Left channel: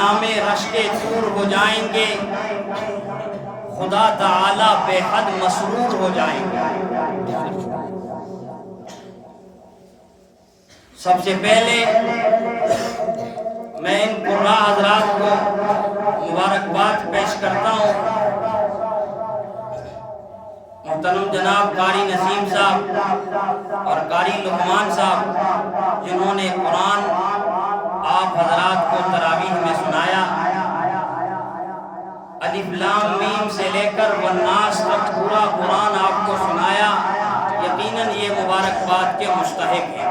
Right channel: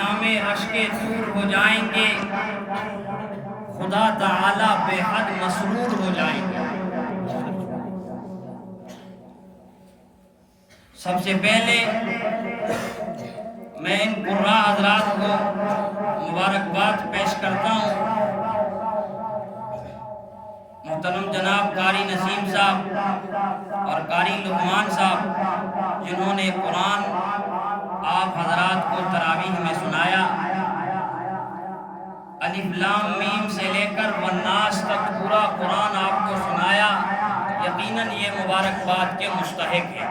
نامے رشک طور ہو جائیں گے، خدا تعالی بے حد مسرور ہو جائیں گے۔ سب سے پہلے میں ان قراء حضرات کو مبارکباد پیش کرتا ہوں۔ محترم جناب قاری نسیم صاحب اور قاری لقمان صاحب جنہوں نے قرآن آپ حضرات کو تراویح میں سنایا، الف لام میم سے لے کر والناس تک پورا قرآن آپ کو سنایا، یقیناً یہ مبارکباد کے مستحق ہیں۔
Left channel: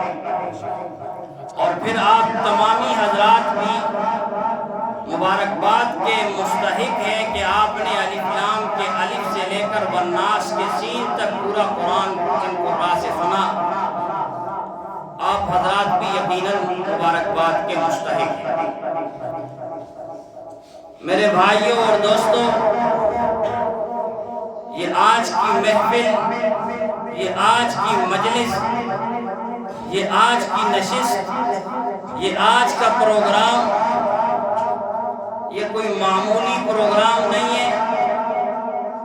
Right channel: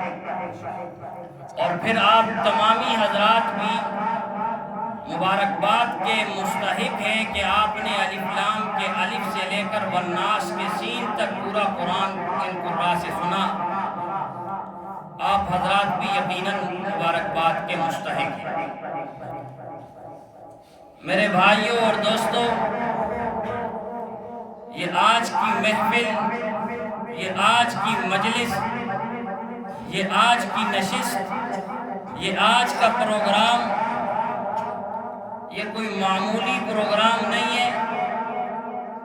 اور پھر آپ تمامی حضرات بھی مبارکباد کے مستحق ہیں کہ آپ نے الف لام کے الف سے لے کر والناس کے سین تک پورا قرآن ان قرآن سے سنا۔ آپ حضرات بھی یقیناً مبارکباد کے مستحق ہیں۔ میرے بھائیوں اور دوستوں، یہ آج کی محفل، یہ آج کی مجلس، یہ آج کی نشست، یہ آج کا پروگرام، یہ کوئی معمولی پروگرام نہیں ہے،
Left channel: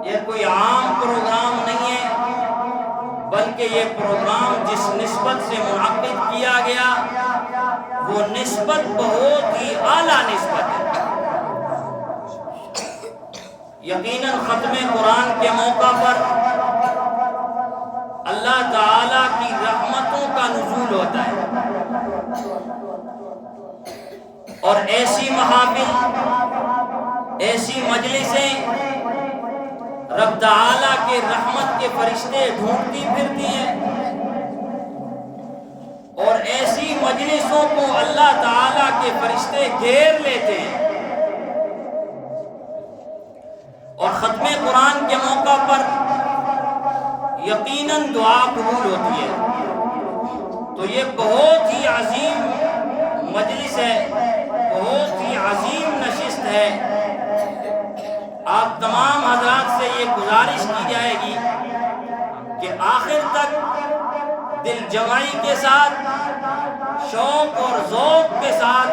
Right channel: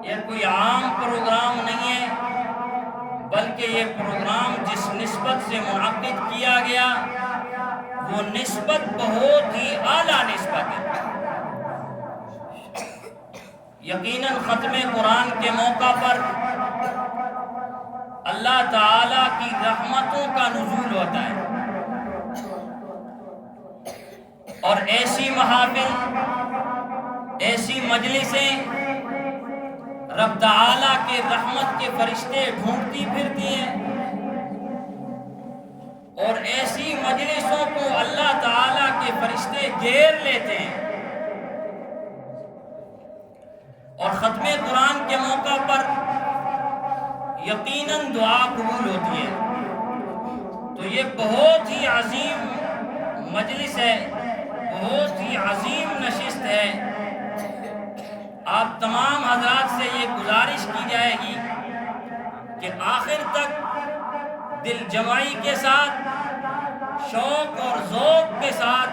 یہ کوئی عام پروگرام نہیں ہے، بلکہ یہ پروگرام جس نسبت سے منعقد کیا گیا وہ نسبت بہت ہی اعلیٰ نسبت ہے۔ یقیناً ختم قرآن کے موقع پر اللہ تعالیٰ کی رحمتوں کا نزول ہوتا ہے، اور ایسی محافل، ایسی مجلسیں رب تعالیٰ کے رحمت کے فرشتے ڈھونڈتی پھرتی ہیں، اور ایسی مجلسوں کو اللہ تعالیٰ کے فرشتے گھیر لیتے ہیں، اور ختم قرآن کے موقع پر یقیناً دعا قبول ہوتی ہے۔ تو یہ بہت ہی عظیم مجلس ہے، بہت ہی عظیم نشست ہے۔ آپ تمام حضرات سے یہ گزارش کی جائے گی کہ آخر تک دل جمعی کے ساتھ، شوق اور ذوق کے ساتھ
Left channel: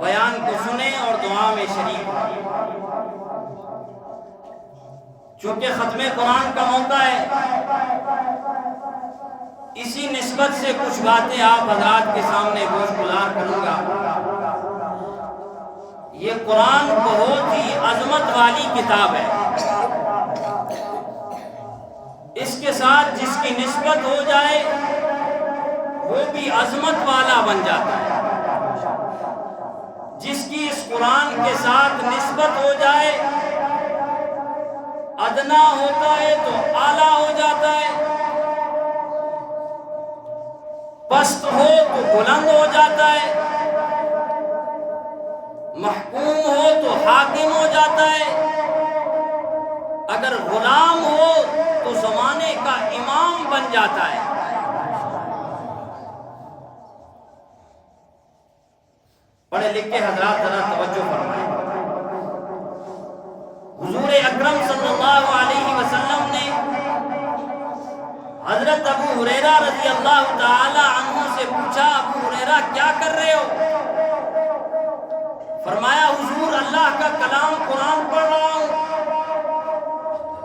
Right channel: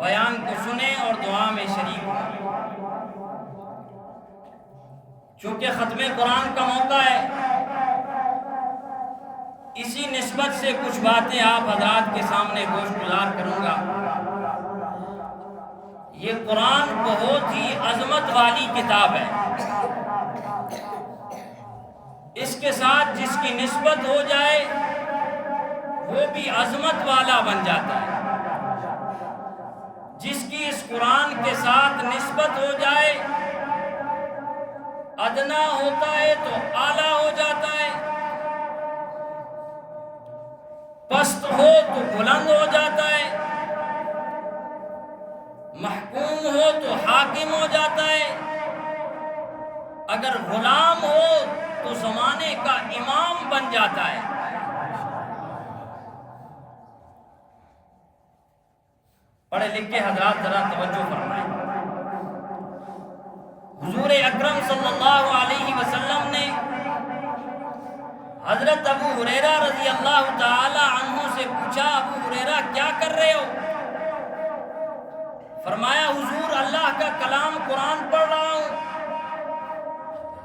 بیان کو سنیں اور دعا میں شریک ہوں۔ چونکہ ختم قرآن کا موقع ہے، اسی نسبت سے کچھ باتیں آپ حضرات کے سامنے گوش گزار کروں گا۔ یہ قرآن بہت ہی عظمت والی کتاب ہے، اس کے ساتھ جس کی نسبت ہو جائے وہ بھی عظمت والا بن جاتا ہے، جس کی اس قرآن کے ساتھ نسبت ہو جائے ادنا ہوتا ہے تو اعلیٰ ہو جاتا ہے، پست ہو تو بلند ہو جاتا ہے، محکوم ہو تو حاکم ہو جاتا ہے، اگر غلام ہو تو زمانے کا امام بن جاتا ہے۔ پڑھے لکھے حضرات ذرا توجہ فرمائیں۔ حضور اکرم صلی اللہ علیہ وسلم نے حضرت ابو ہریرہ رضی اللہ تعالی عنہ سے پوچھا، ابو ہریرہ کیا کر رہے ہو؟ فرمایا حضور اللہ کا کلام قرآن پڑھ رہا ہوں۔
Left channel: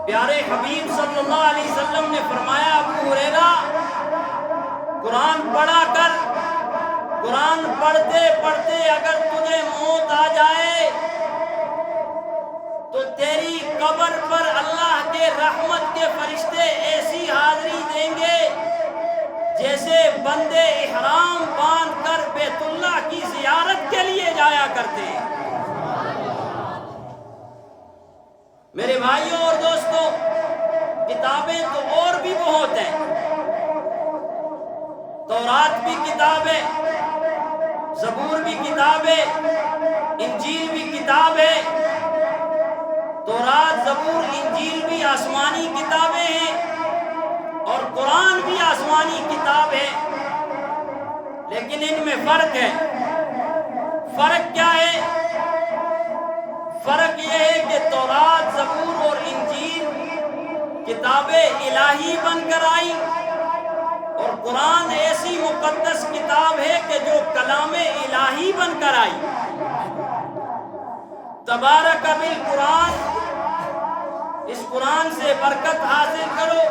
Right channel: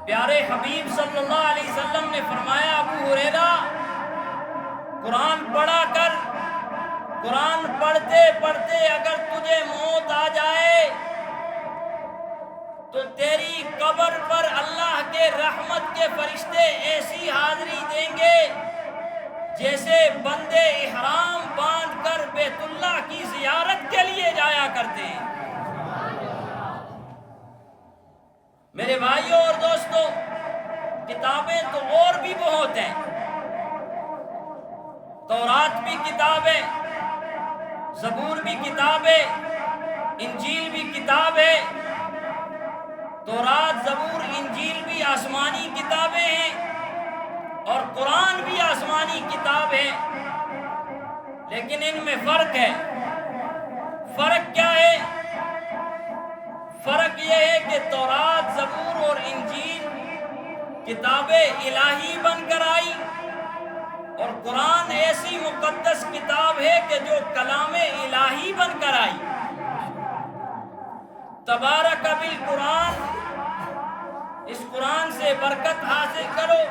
پیارے حبیب صلی اللہ علیہ وسلم نے فرمایا ابو ہریرہ قرآن پڑھا کر، قرآن پڑھتے پڑھتے اگر تجھے موت آ جائے تو تیری قبر پر اللہ کے رحمت کے فرشتے ایسی حاضری دیں گے جیسے بندے احرام باندھ کر بیت اللہ کی زیارت کے لیے جایا کرتے ہیں۔ میرے بھائیوں اور دوستوں، کتابیں تو اور بھی بہت ہیں، تورات بھی کتاب ہے، زبور بھی کتاب ہے، انجیل بھی کتاب ہے۔ تورات، زبور، انجیل بھی آسمانی کتابیں ہیں اور قرآن بھی آسمانی کتاب ہے، لیکن ان میں فرق ہے۔ فرق کیا ہے؟ فرق یہ ہے کہ تورات، زبور اور انجیل کتابیں الہی بن کر آئی، اور قرآن ایسی مقدس کتاب ہے کہ جو کلام الہی بن کر آئی۔ تبارک بالقرآن، اس قرآن سے برکت حاصل کرو،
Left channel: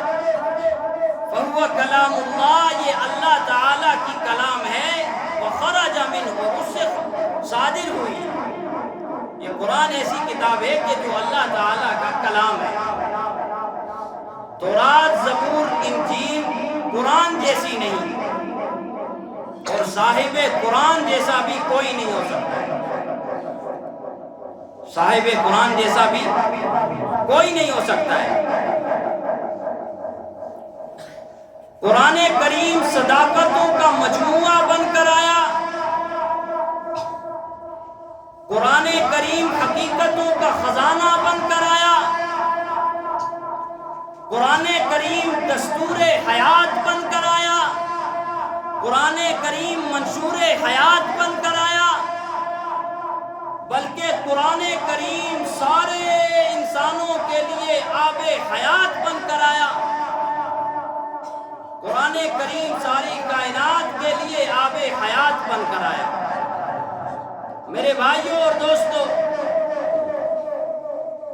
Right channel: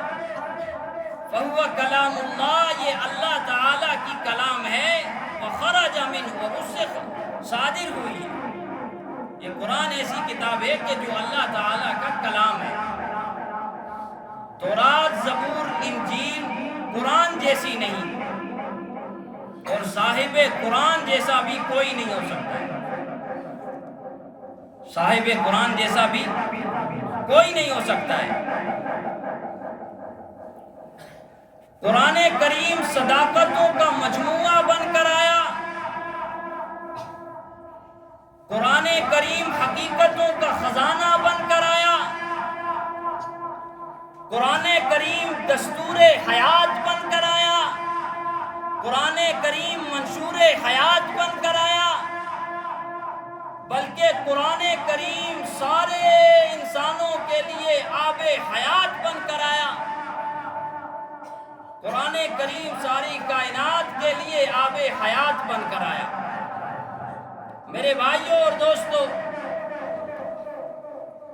فہو کلام اللہ، یہ اللہ تعالیٰ کی کلام ہے، وخرج منہ، اس سے صادر ہوئی۔ یہ قرآن ایسی کتاب ہے کہ جو اللہ تعالیٰ کا کلام ہے۔ تورات، زبور، انجیل قرآن جیسی نہیں، اور صاحب قرآن جیسا بھی کوئی نہیں ہو سکتا، صاحب قرآن جیسا بھی کوئی نہیں ہو سکتا ہے۔ قرآن کریم صداقتوں کا مجموعہ بن کر آیا، قرآن کریم حقیقتوں کا خزانہ بن کر آیا، قرآن کریم دستور حیات بن کر آیا، قرآن کریم منشور حیات بن کر آیا، بلکہ قرآن کریم سارے انسانوں کے لیے آب حیات بن کر آیا۔ قرآن کریم ساری کائنات کے لیے آب حیات بن کر آیا۔ میرے بھائیوں اور دوستو،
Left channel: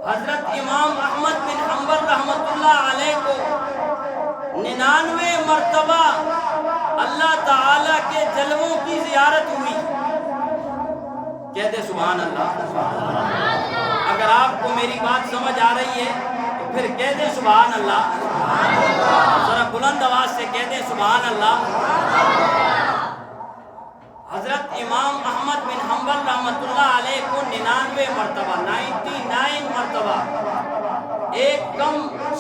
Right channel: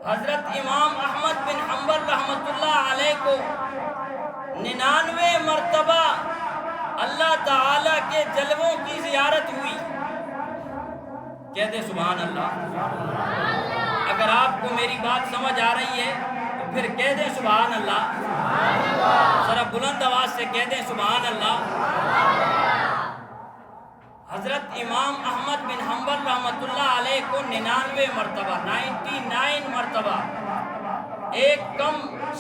حضرت امام احمد بن حنبل رحمۃ اللہ علیہ کو 99 مرتبہ اللہ تعالیٰ کے جلووں کی زیارت ہوئی۔ کہتے سبحان اللہ۔ اگر آپ کو میری بات سمجھ آ رہی ہے تو پھر کہہ دیں سبحان اللہ، ذرا بلند آواز سے کہہ دیں سبحان اللہ۔ حضرت امام احمد بن حنبل رحمۃ اللہ علیہ کو 99 مرتبہ، ایک کم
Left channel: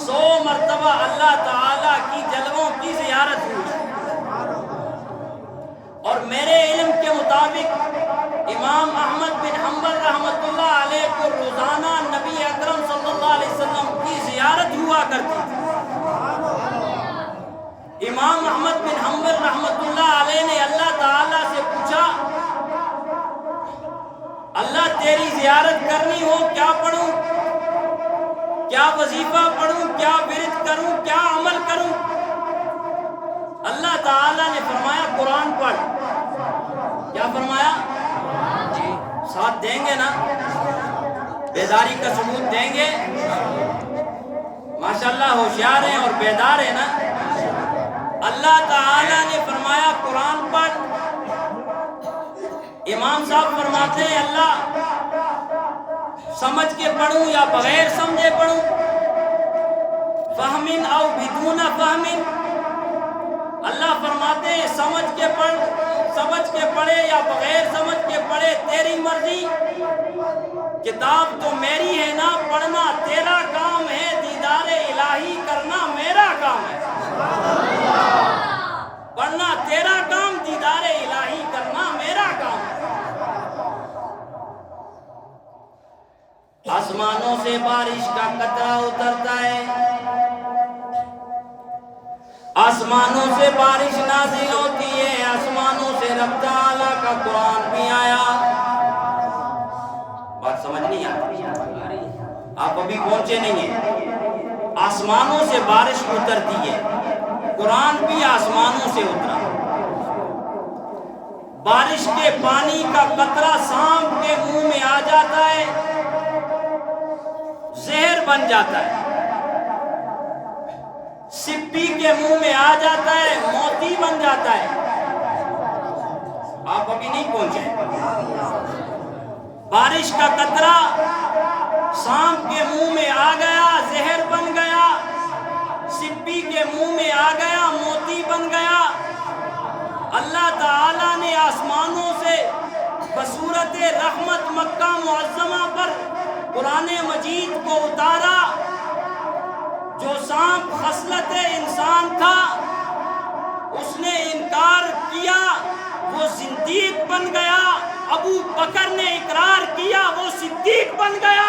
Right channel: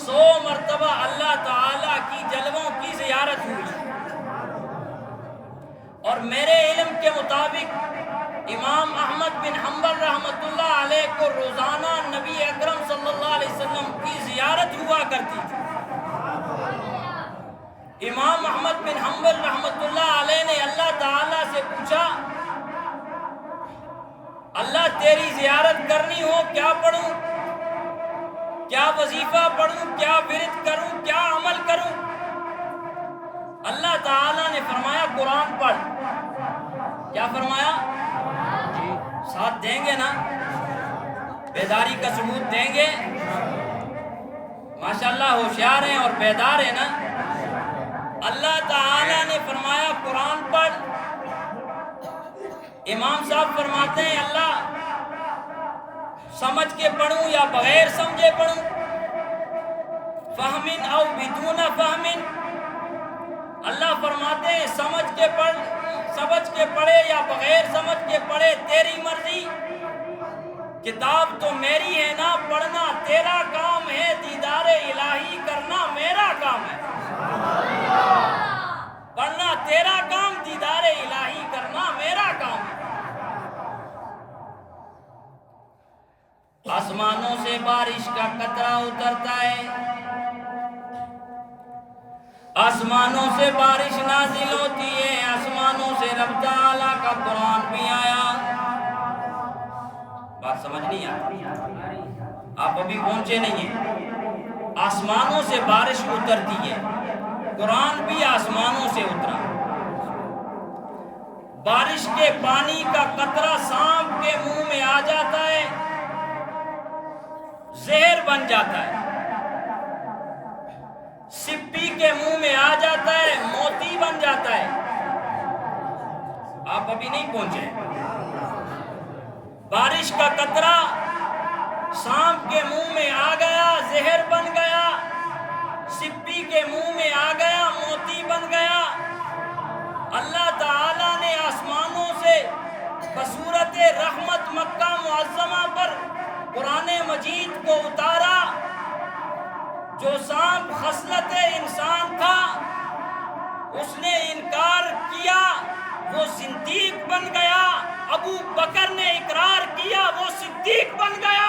100 مرتبہ اللہ تعالیٰ کی جلووں کی زیارت ہوئی، اور میرے علم کے مطابق امام احمد بن حنبل رحمۃ اللہ علیہ کو روزانہ نبی اکرم صلی اللہ علیہ وسلم کی زیارت ہوا کرتی تھی۔ امام احمد بن حنبل رحمۃ اللہ علیہ نے اللہ تعالیٰ سے پوچھا، اللہ تیری زیارت کرنی ہو کیا پڑھوں، کیا وظیفہ پڑھوں، کیا ورد کروں، کیا عمل کروں؟ اللہ تعالیٰ نے فرمایا قرآن پڑھ۔ کیا فرمایا؟ ساتھ دیں گے نا؟ بیداری کا ثبوت دیں گے؟ ماشاءاللہ ہوشیار ہیں اور بیدار ہیں نا؟ اللہ تعالیٰ نے فرمایا قرآن پڑھ۔ امام صاحب فرماتے ہیں اللہ سمجھ کے پڑھوں یا بغیر سمجھے پڑھوں؟ فہمن او بدون فہمن؟ اللہ فرماتے ہیں سمجھ کے پڑھے یا بغیر سمجھ کے پڑھے تیری مرضی، کتاب تو میری ہے نا، پڑھنا تیرا کام ہے، دیدار الہی کرنا میرا کام ہے۔ پڑھنا تیرا کام، دیدار الہی کرنا میرا کام ہے۔ آسمانوں سے بارش کا قطرہ اترتا ہے، آسمانوں سے بارش نازل ہوتی ہے، آسمانوں سے رب تعالیٰ کا قرآن بھی آیا۔ بات سمجھ نہیں آتی؟ آپ ابھی پہنچے نہیں ہیں۔ آسمانوں سے بارش اترتی ہے، قرآن بھی آسمانوں سے اترا۔ بارش کے پانی کا قطرہ سانپ کے منہ میں آ جاتا ہے، زہر بن جاتا ہے، سپی کے منہ میں آ جاتا ہے، موتی بن جاتا ہے۔ آپ ابھی نہیں پہنچے۔ بارش کا قطرہ سانپ کے منہ میں آ گیا، زہر بن گیا، سپی کے منہ میں آ گیا، موتی بن گیا۔ اللہ تعالیٰ نے آسمانوں سے بصورت رحمت مکہ معظمہ پر قرآن مجید کو اتارا۔ جو سانپ خصلت انسان تھا اس نے انکار کیا، وہ زندیق بن گیا۔ ابو بکر نے اقرار کیا، وہ صدیق بن گیا۔